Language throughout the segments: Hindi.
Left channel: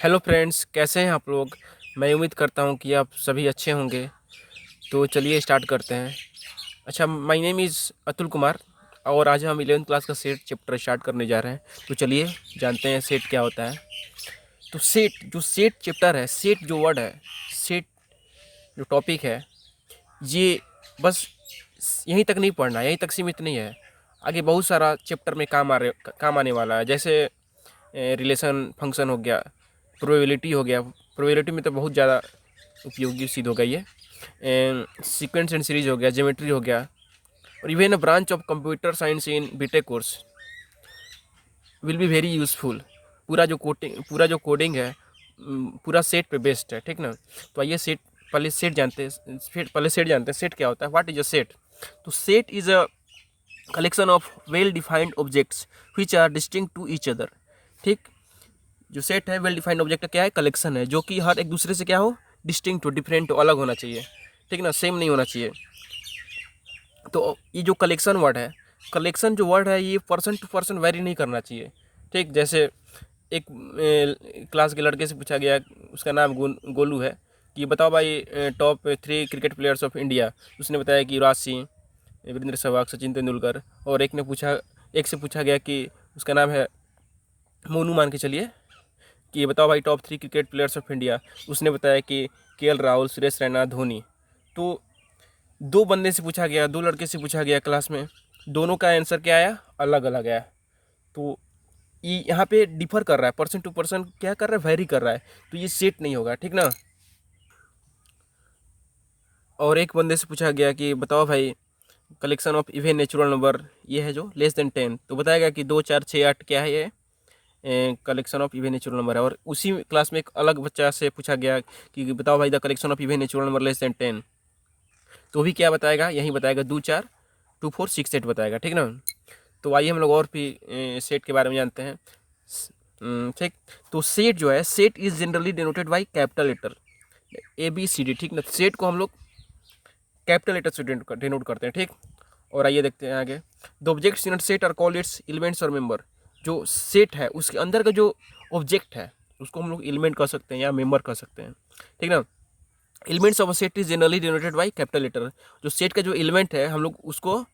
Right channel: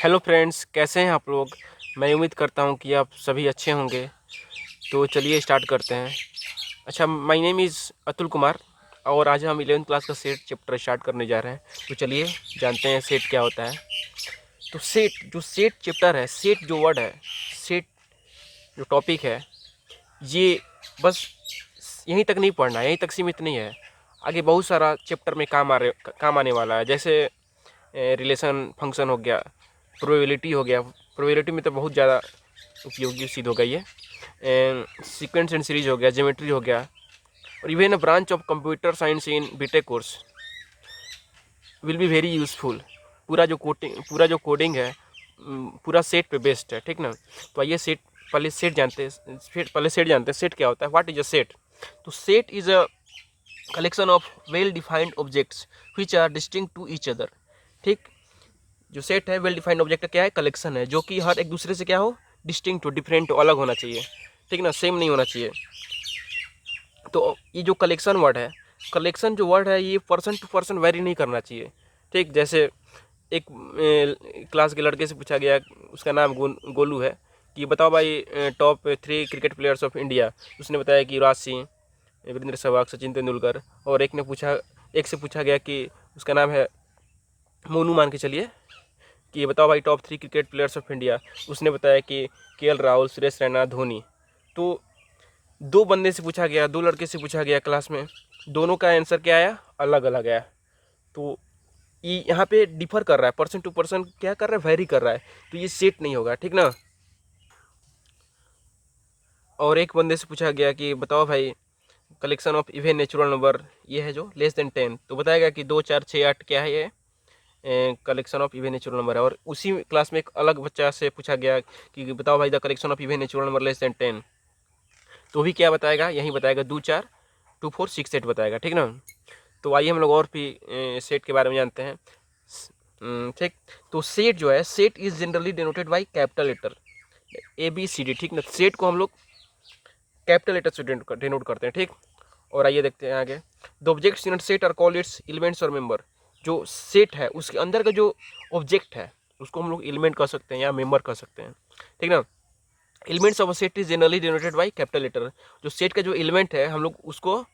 हेलो फ्रेंड्स, कैसे हैं आप लोग। मैं उम्मीद करता हूं कि आप सभी अच्छे होंगे। तो चलिए स्टार्ट करते हैं। अच्छा, my name is Atul Kumar और आज हम 11th क्लास का सेट चैप्टर स्टार्ट करने जा रहे हैं। तो चलिए जानते हैं सेट क्या होता है। तो सेट चैप्टर है, सेट जो वर्ड है, सेट जो टॉपिक है, ये बस यहीं तक नहीं पढ़ना है, यहीं तक सीमित नहीं है। आगे बहुत सारा चैप्टर में काम आने वाला है। जैसे रिलेशन फंक्शन हो गया, प्रोबेबिलिटी हो गया। प्रोबेबिलिटी में तो बहुत ज़्यादा उपयोगी सिद्ध होगा ये। सीक्वेंस एंड सीरीज हो गया, ज्योमेट्री हो गया, और even a branch of computer science in B Tech course will be very useful. पूरा जो कोडिंग है, पूरा सेट पे बेस्ड है, ठीक ना। तो आइए पहले सेट जानते हैं सेट क्या होता है। What is a set? तो set is a collection of well defined objects which are distinct to each other. ठीक, जो सेट है वेल डिफाइंड ऑब्जेक्ट क्या है? कलेक्शन है, जो कि हर एक दूसरे से क्या हो, डिस्टिंक्ट हो, डिफरेंट हो, अलग होना चाहिए, ठीक ना, सेम नहीं होना चाहिए। तो ये जो कलेक्शन वर्ड है, कलेक्शन जो वर्ड है, ये पर्सन टू पर्सन वेरी नहीं करना चाहिए। ठीक, जैसे एक क्लास के लड़के से पूछा गया, उसका नाम गोलू है, कि बताओ भाई top 3 cricket players of India. उसने बताया कि युवराज सिंह, वीरेंद्र सहवाग, सचिन तेंदुलकर। और एक से पूछा गया कि उसका नाम है मोनू, मान के चलिए, कि ये बताओ भाई top 3 cricket players of India. उसने बताया कि केएल राहुल, सुरेश रैना, धोनी। तो दो बंदे से पूछा गया, दो लड़के से पूछा गया क्लास में, दोनों का आंसर क्या आया? अलग अलग आया। तो ये यहाँ पे डिफर कर रहा है, पर्सन टू पर्सन क्या कर रहा है, वेरी कर रहा है। तो ये सेट नहीं होगा, ठीक ना। और एक बंदे से पूछा गया कि बताओ भाई collection of even natural number, ये है जो लेस देन 10। तो बताएगा कि 2, 4, 6, 8 क्या है ये? Collection of even natural number है। और उसी क्लास में एक अलग बच्चा से पूछा गया कि बताओ भाई the collection of even natural number less than 10। तो भी क्या बताएगा? यही बताएगा 2, 4, 2, 4, 6, 8 बताएगा, ठीक ना। तो आइए हम लोग और भी सेट के बारे में जानते हैं। ठीक, तो सेट जो है, set is generally denoted by capital letter ABCD, ठीक ना। सेट को हम लोग कैपिटल लेटर से डिनोट करते हैं, ठीक। और आइए देखते हैं आगे। The objects in set are called its elements और मेंबर। जो सेट है उसके अंदर का जो ऑब्जेक्ट है उसको हम लोग एलिमेंट कह सकते हैं या मेंबर कह सकते हैं, ठीक ना। Elements of set is generally denoted by capital letter. जो सेट का जो एलिमेंट है हम लोग उसको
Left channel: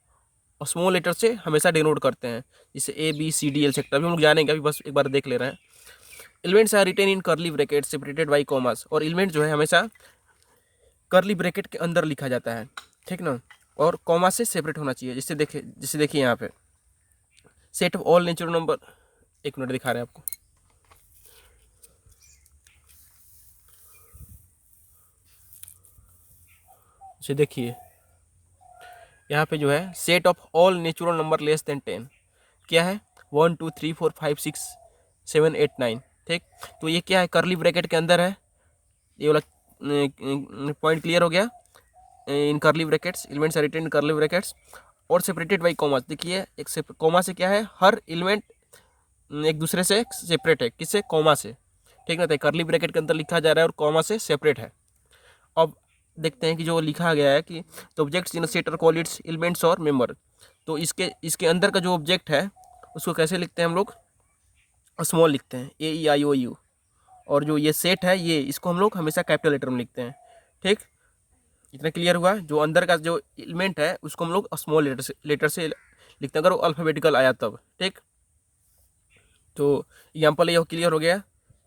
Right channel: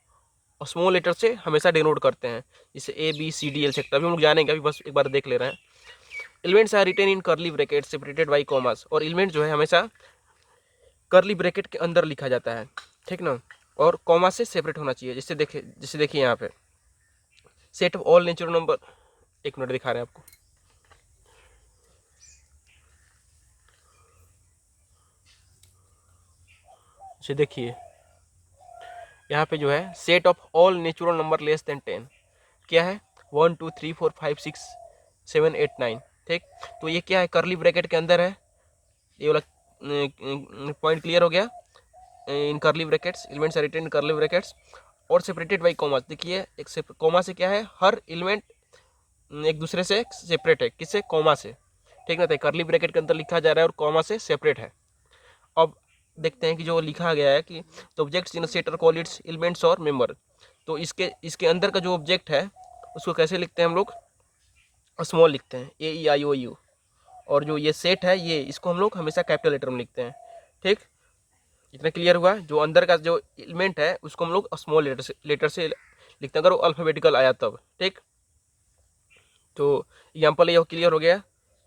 स्मॉल लेटर से हमेशा डिनोट करते हैं, जैसे ABCD सेक्टर अभी हम लोग जानेंगे, अभी बस एक बार देख ले रहे हैं। Elements are written in curly bracket separated by commas. और एलिमेंट जो है हमेशा करली ब्रैकेट के अंदर लिखा जाता है, ठीक ना, और कॉमा से सेपरेट होना चाहिए। जैसे देखिए यहाँ पे set of all natural number, एक मिनट दिखा रहे हैं आपको। जैसे देखिए यहाँ पे जो है set of all natural number less than 10 क्या है? 1, 2, 3, 4, 5, 6, 7, 8, 9, ठीक। तो ये क्या है? करली ब्रैकेट के अंदर है, ये वाला पॉइंट क्लियर हो गया। In curly brackets elements are written in curly brackets और सेपरेटेड बाई कॉमा। देखिए एक से कॉमा से क्या है, हर एलिमेंट एक दूसरे से सेपरेट है, किससे? कॉमा से, ठीक ना। तो करली ब्रैकेट के अंदर लिखा जा रहा है और कॉमा से सेपरेट है। अब देखते हैं कि जो लिखा गया है कि तो objects in set are called its elements और मेंबर। तो इसके अंदर का जो ऑब्जेक्ट है उसको कैसे लिखते हैं हम लोग? स्मॉल लिखते हैं, AEIOU। और जो ये सेट है ये इसको हम लोग हमेशा कैपिटल लेटर में लिखते हैं, ठीक। इतना क्लियर हुआ? जो अंदर का जो एलिमेंट है उसको हम लोग स्मॉल लेटर से लिखते हैं, अगर वो अल्फ़ाबेटिकल आया तब, ठीक। तो एग्जाम्पल ये क्लियर हो गया,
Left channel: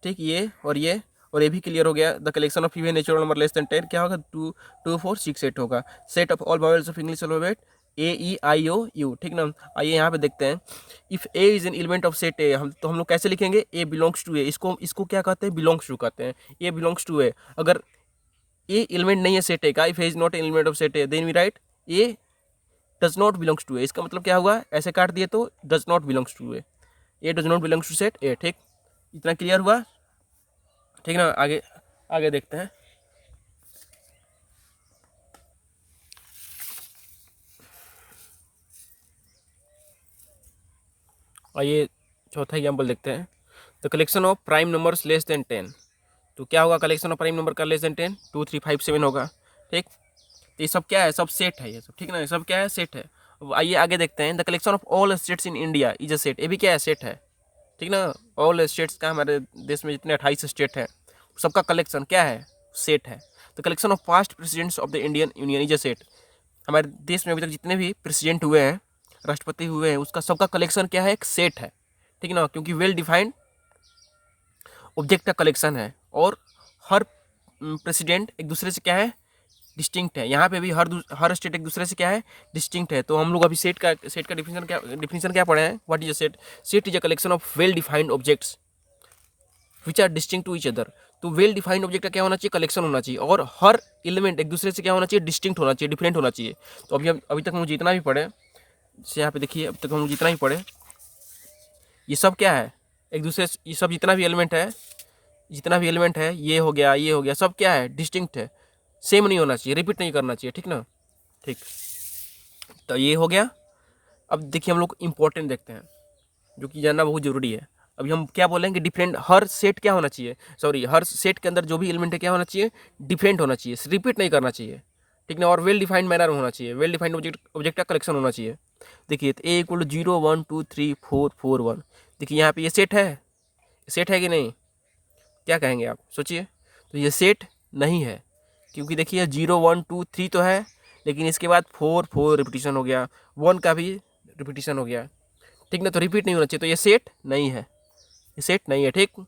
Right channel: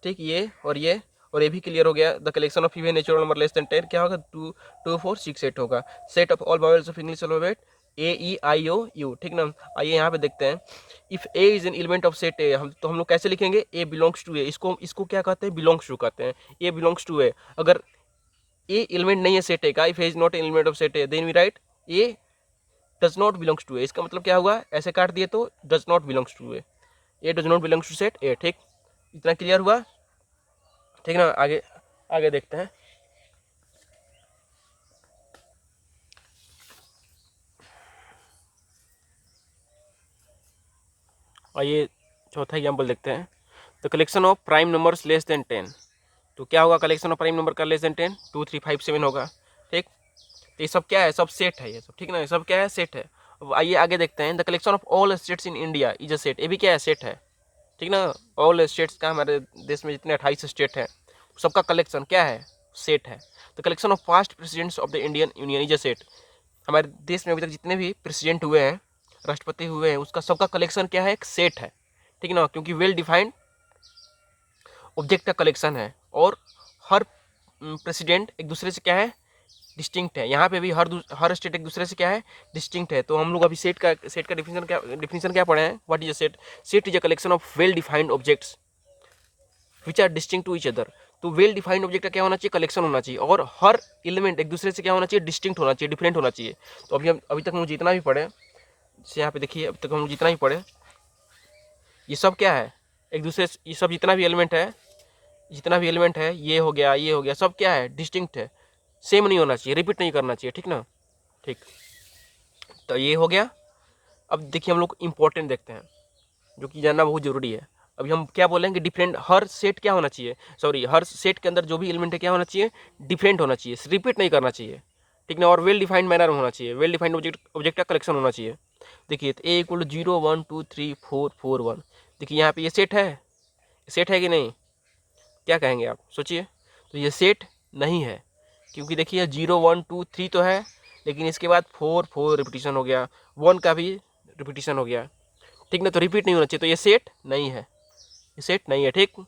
ठीक। ये भी क्लियर हो गया। The collection of even natural number less than 10 क्या होगा? 2, 2, 4, 6, 8 होगा। Set of all vowels of English alphabet AEIOU, ठीक ना। आइए यहाँ पे देखते हैं। If A is an element of set A, हम लोग कैसे लिखेंगे? A belongs to A। इसको क्या कहते हैं? बिलोंग्स टू कहते हैं। A belongs to A। अगर A एलिमेंट नहीं है सेट A का, if A is not element of set A, then we write A does not belongs to A। इसका मतलब क्या हुआ? ऐसे काट दिए तो does not belongs to A does not belongs to set A, ठीक। इतना क्लियर हुआ, ठीक ना। आगे आगे देखते हैं। आइए चौथा एग्जाम्पल देखते हैं। The collection of prime numbers less than 10। तो क्या होगा कलेक्शन ऑफ प्राइम नंबर का लेस देन 10? 2, 3, 5, 7 होगा, ठीक। तो ये सब क्या है? सब सेट है ये सब, ठीक ना। ये सब क्या है? सेट है। अब आइए आगे देखते हैं। The collection of all states in India is a set. ये भी क्या है? सेट है। ठीक ना। ऑल स्टेट्स का, हमारे देश में जितने 28 स्टेट हैं सबका कलेक्शन क्या है, सेट है। तो collection of past presidents of the Indian union is a set. हमारे देश में अभी तक जितने भी प्रेसिडेंट हुए हैं, राष्ट्रपति हुए हैं, उसका सबका कलेक्शन क्या है, एक सेट है। ठीक ना, क्योंकि वेल डिफाइंड ऑब्जेक्ट का कलेक्शन है और हर प्रेसिडेंट एक दूसरे से क्या है, डिस्टिंक्ट है। यहाँ पे भी हर स्टेट एक दूसरे से क्या है, डिस्टिंक्ट है। तो हम लोग अभी सेट का डिफिनेशन क्या पढ़े हैं, what is a set. Set is a collection of well defined objects which are distinct to each other. तो वेल डिफाइंड ऑब्जेक्ट का क्या होना चाहिए, कलेक्शन होना चाहिए, और हर एलिमेंट एक दूसरे से क्या होना चाहिए, डिस्टिंक्ट होना चाहिए, डिफरेंट होना चाहिए। तो अभी तक हम जितना भी पढ़े, जैसे यहाँ पे देखिए, अब तक हम जितना भी पढ़े, ये सब क्या है, एक दूसरे से, ये सब जितना भी एलिमेंट है, ये हो गया, ये हो गया, सब क्या है, डिस्टिंक्ट है, सेम नहीं होना चाहिए, रिपीट नहीं करना चाहिए। ठीक ना, ठीक। तो ये हो गया। अब देखिए हम लोग इंपॉर्टेंट देखते हैं, जो कि जानना बहुत ज़रूरी है। अभी हम क्या बोलेंगे, डिफरेंट, हर सेट क्या होना चाहिए, सॉरी, हर सेट के अंदर जो भी एलिमेंट है क्या होना चाहिए, डिफरेंट होना चाहिए, रिपीट नहीं करना चाहिए। ठीक ना, और वेल डिफाइंड मैनर में होना चाहिए, वेल डिफाइंड ऑब्जेक्ट का कलेक्शन होना चाहिए। देखिए, तो ए इक्वल टू 0 1 2 3 4 4 1। देखिए यहाँ पे ये सेट है कि नहीं, क्या कहेंगे आप, सोचिए। तो ये सेट नहीं है, क्योंकि देखिए 0 1 2 3 तो है, लेकिन इसके बाद 4 रिपीटिशन हो गया, 1 का भी रिपीटिशन हो गया। ठीक ना, तो रिपीट नहीं होना चाहिए, तो ये सेट नहीं है, ये सेट नहीं है। ठीक।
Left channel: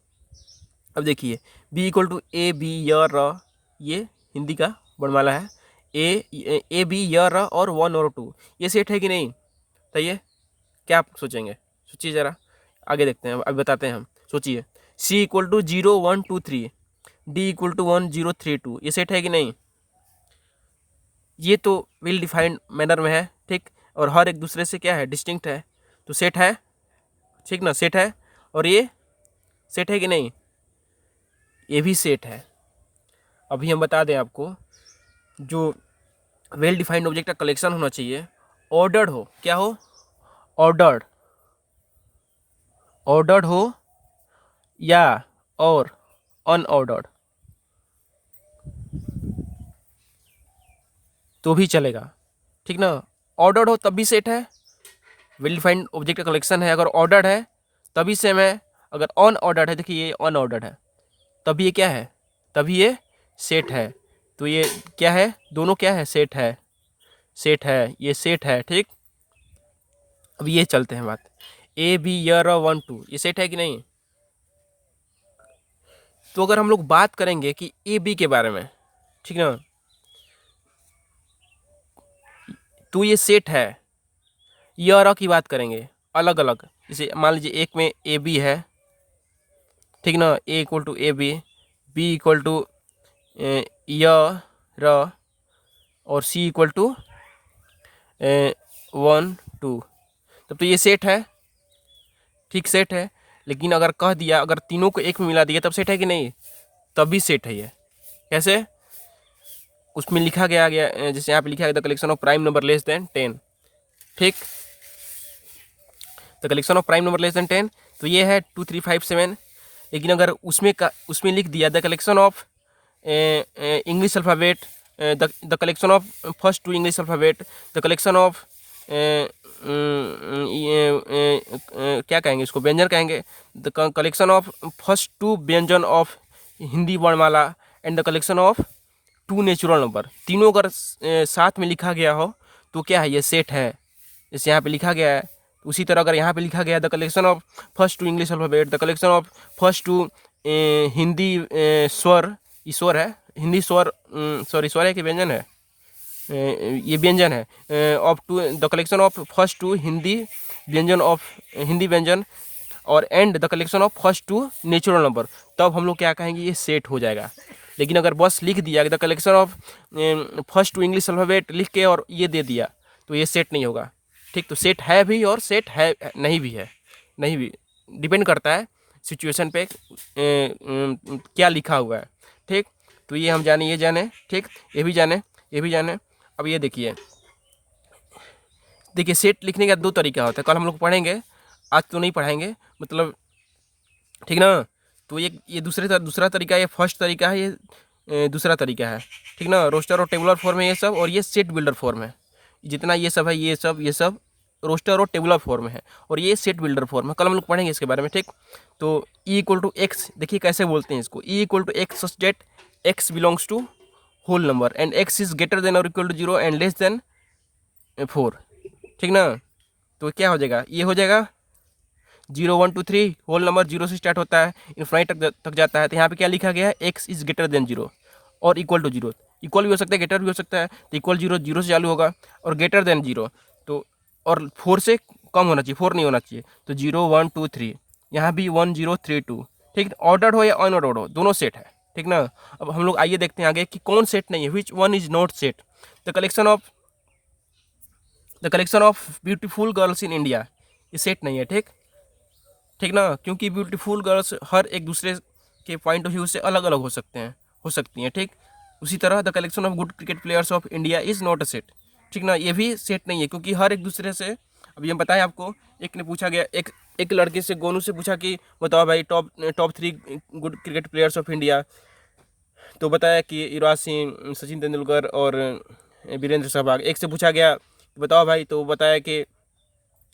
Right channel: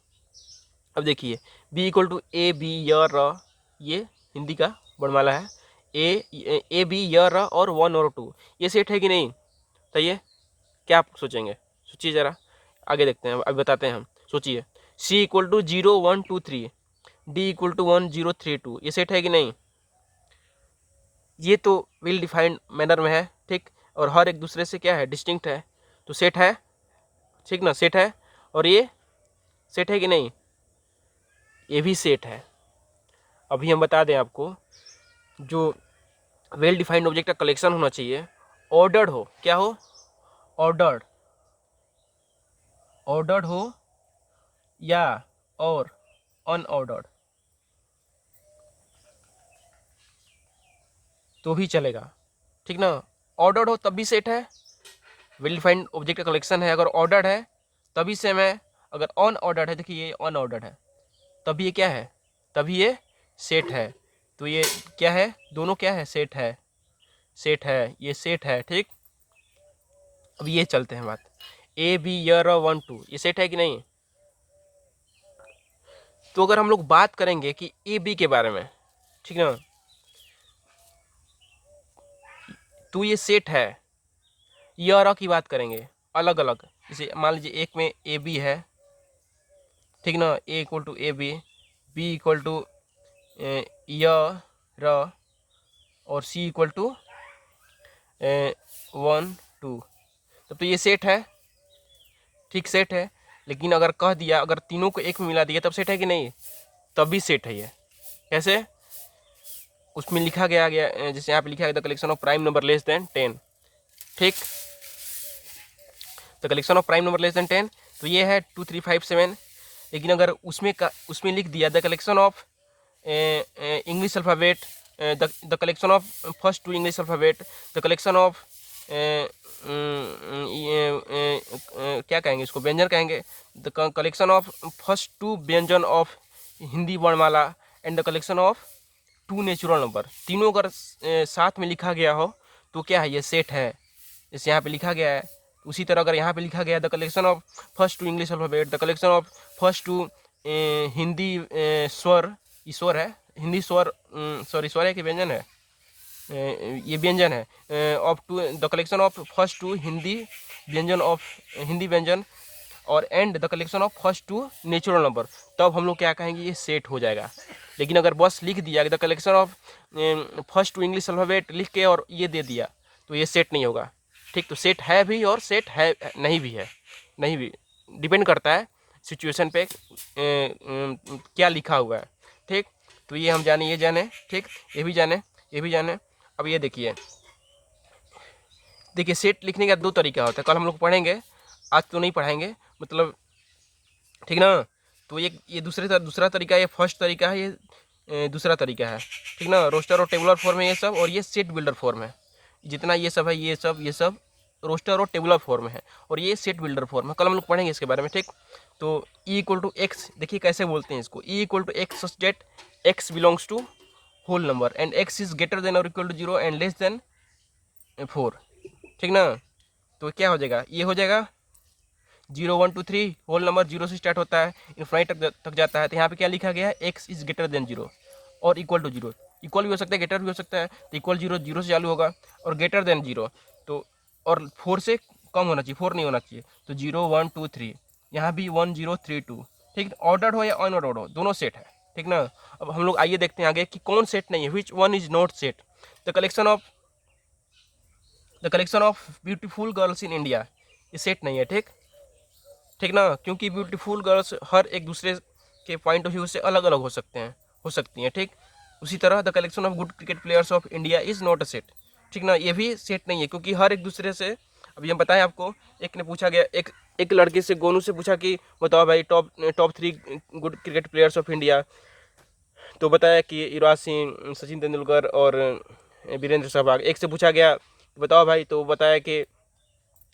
अब देखिए, B equal to A B य र, ये हिंदी का वर्णमाला है, ए बी य र और 1 और 2, ये सेट है कि नहीं, बताइए, क्या आप सोचेंगे, सोचिए ज़रा, आगे देखते हैं, अभी बताते हैं हम, सोचिए। C equal to 0 1 2 3, D equal to 1 0 3 2, ये सेट है कि नहीं, ये तो वेल डिफाइंड मैनर में है। ठीक, और हर एक दूसरे से क्या है, डिस्टिंक्ट है, तो सेट है। ठीक ना, सेट है। और ये सेट है कि नहीं, ये भी सेट है। अभी हम बता दें आपको, जो वेल डिफाइंड ऑब्जेक्ट का कलेक्शन होना चाहिए, ऑर्डर्ड हो, क्या हो, ऑर्डर्ड, ऑर्डर्ड हो या और अनऑर्डर्ड तो भी चलेगा। ठीक ना, ऑर्डर्ड हो तब भी सेट है, वेल डिफाइंड ऑब्जेक्ट का कलेक्शन है, अगर ऑर्डर्ड है तभी सेम है, अगर अनऑर्डर्ड है, देखिए ये अनऑर्डर्ड है, तभी ये क्या है, तभी ये सेट है। तो ये क्या है, दोनों क्या है, सेट है, सेट है, ये सेट है। ठीक। अब ये चलते हैं बात, ए बी यर 1 2, ये सेट है कि नहीं। तो अगर हम लोग बात करेंगे कि ए बी के बारे में, ठीक ना, तो ये सेट है। यर की बात करेंगे अलग अलग, जैसे मान लीजिए एक में ए बी है, ठीक ना, A equal to A B equal to य र, और सी इक्वल टू 1 2, तब तो ये सेट है। ठीक, सेट है। लेकिन अगर कह दिया, अगर तीनों को एक में मिला दिया, तब सेट है कि नहीं, तब भी सेट है ये। कैसे, उसमें लिखा गया जैसे यहाँ पे लिखा गया, the collection of prime number less than 10। ठीक, the collection of prime number less than 10, तो ये है 2 3 5 7। लेकिन अगर उसमें लिख दिया the collection of English alphabet, the collection of first 2 English alphabet, the collection of क्या कहेंगे इसको, व्यंजन कहेंगे, द कलेक्शन ऑफ फर्स्ट 2 व्यंजन ऑफ हिंदी वर्णमाला, and the collection of 2 natural number, तीनों अगर साथ में लिखा गया हो तो क्या है, ये सेट है। जैसे यहाँ पे लिखा गया है, उसी तरह अगर यहाँ पे लिखा गया है the collection of first 2 English alphabet, the collection of first 2 Hindi स्वर, ईश्वर है, हिंदी स्वर, सॉरी स्वर है कि व्यंजन है, ये व्यंजन है, of two, the collection of first 2 Hindi व्यंजन ऑफ हिंदी व्यंजन, और and the collection of first 2 natural number, तब हम लोग क्या कहेंगे, ये सेट हो जाएगा। लेकिन अगर बस लिख दिया the collection of first 2 English alphabet लिख के और ये दे दिया, तो ये सेट नहीं होगा। ठीक, तो सेट है भी और सेट है नहीं भी है, नहीं भी, डिपेंड करता है सिचुएशन पे क्या लिखा हुआ है। ठीक, तो ये हम जाने, ये जाने, ठीक, ये भी जाने, ये भी जाने। अब ये देखिए, सेट लिखने का 2 तरीका होता है, कल हम लोग पढ़ेंगे, आज तो नहीं पढ़ाएंगे, मतलब, ठीक ना। तो ये दूसरा तरीका, ये फर्स्ट तरीका है, ये दूसरा तरीका है। ठीक ना, रोस्टर और टेबुलर फॉर्म है ये सब, और ये सेट बिल्डर फॉर्म है, जितना ये सब है, ये सब रोस्टर और टेबुलर फॉर्म है, और ये सेट बिल्डर फॉर्म है। कल हम लोग पढ़ेंगे इसके बारे में, ठीक। तो ई इक्वल टू एक्स, देखिए कैसे बोलते हैं इसको, E equal to X such that X belongs to whole number and X is greater than और equal to 0 and less than 4, ठीक ना। तो क्या हो जाएगा, ये हो जाएगा 0 1 2 3, होल नंबर 0 से स्टार्ट होता है, इन्फाइनाइट तक जाता है। तो यहाँ पे क्या लिखा गया है, एक्स इज ग्रेटर देन 0 और इक्वल टू 0, इक्वल भी हो सकता है, ग्रेटर भी हो सकता है। तो इक्वल 0 0 से चालू होगा, और ग्रेटर देन 0 तो, और 4 से कम होना चाहिए, 4 नहीं होना चाहिए। तो 0 1 2 3, यहाँ भी 1 0 3 2, ठीक। ऑर्डर्ड हो या अनऑर्डर्ड हो, दोनों सेट है, ठीक ना। अब हम लोग आइए देखते हैं आगे कि कौन सेट नहीं है, which one is not set. The collection of beautiful girls in India, ये सेट नहीं है, ठीक, ठीक ना, क्योंकि ब्यूटीफुल गर्ल्स हर एक दूसरे के पॉइंट ऑफ व्यू से अलग अलग हो सकती हैं, ठीक। उसी तरह the collection of good cricket players of India is not a set, ठीक ना, ये भी सेट नहीं है, क्योंकि हर एक दूसरे से, अभी हम बताएं आपको, एक ने पूछा गया, एक लड़के से, गोनू से पूछा कि बताओ भाई top 3 good cricket players of India. तो बताया कि युवराज सिंह, सचिन तेंदुलकर और वीरेंद्र सहवाग। एक से पूछा गया बताओ भाई, तो बताया कि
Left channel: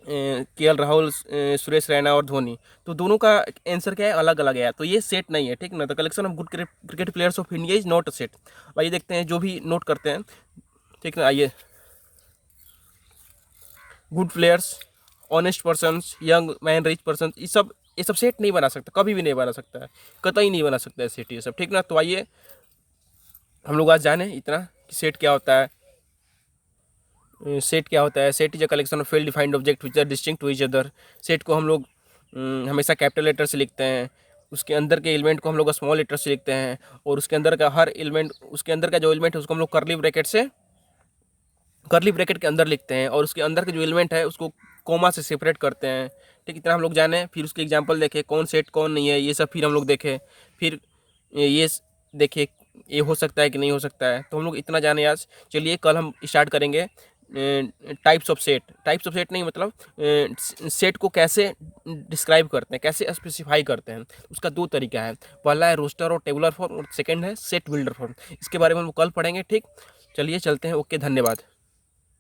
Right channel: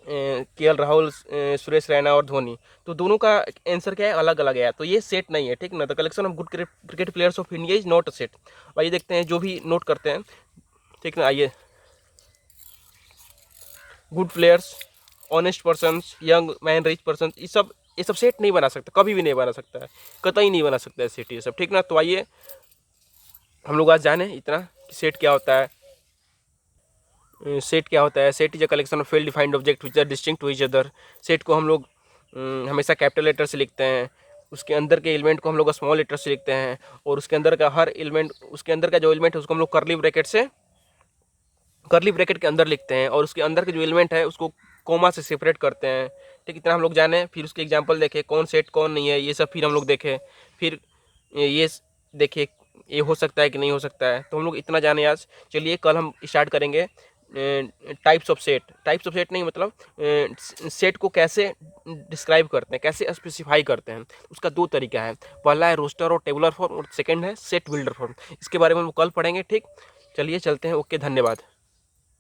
केएल राहुल, सुरेश रैना और धोनी। तो दोनों का आंसर क्या है, अलग अलग है, तो ये सेट नहीं है, ठीक ना। The collection of good cricket players of India is not a set. आइए देखते हैं जो भी नोट करते हैं, ठीक ना। आइए, good players, honest persons, young man, rich person, ये सब सेट नहीं बना सकता, कभी भी नहीं बना सकता है, कतई नहीं बना सकता है सेट ये सब, ठीक ना। तो आइए हम लोग आज जाने इतना कि सेट क्या होता है। सेट क्या होता है, set is a collection of well defined object which are distinct to each other. Set को हम लोग हमेशा कैपिटल लेटर से लिखते हैं, उसके अंदर के एलिमेंट को हम लोग स्मॉल लेटर से लिखते हैं, और उसके अंदर का हर एलिमेंट, उसके अंदर का जो एलिमेंट है उसको हम लोग करली ब्रैकेट के अंदर लिखते हैं, और उसके अंदर के जो एलिमेंट है उसको कोमा से सेपरेट करते हैं, ठीक। इतना हम लोग जाने, फिर उसके एग्जांपल देखें, कौन सेट कौन नहीं है, ये सब फिर हम लोग देखें, फिर ये देखें ये हो सकता है कि नहीं हो सकता है। तो हम लोग इतना जाने आज। चलिए कल हम स्टार्ट करेंगे टाइप्स ऑफ सेट नहीं, मतलब सेट को कैसे डिस्क्राइब करते हैं, कैसे स्पेसिफाई करते हैं। उसका 2 तरीका है, पहला है रोस्टर और टेबुलर फॉर्म, और सेकंड है सेट बिल्डर फॉर्म। इसके बारे में हम कल पढ़ेंगे, ठीक। चलिए चलते हैं, ओके, धन्यवाद।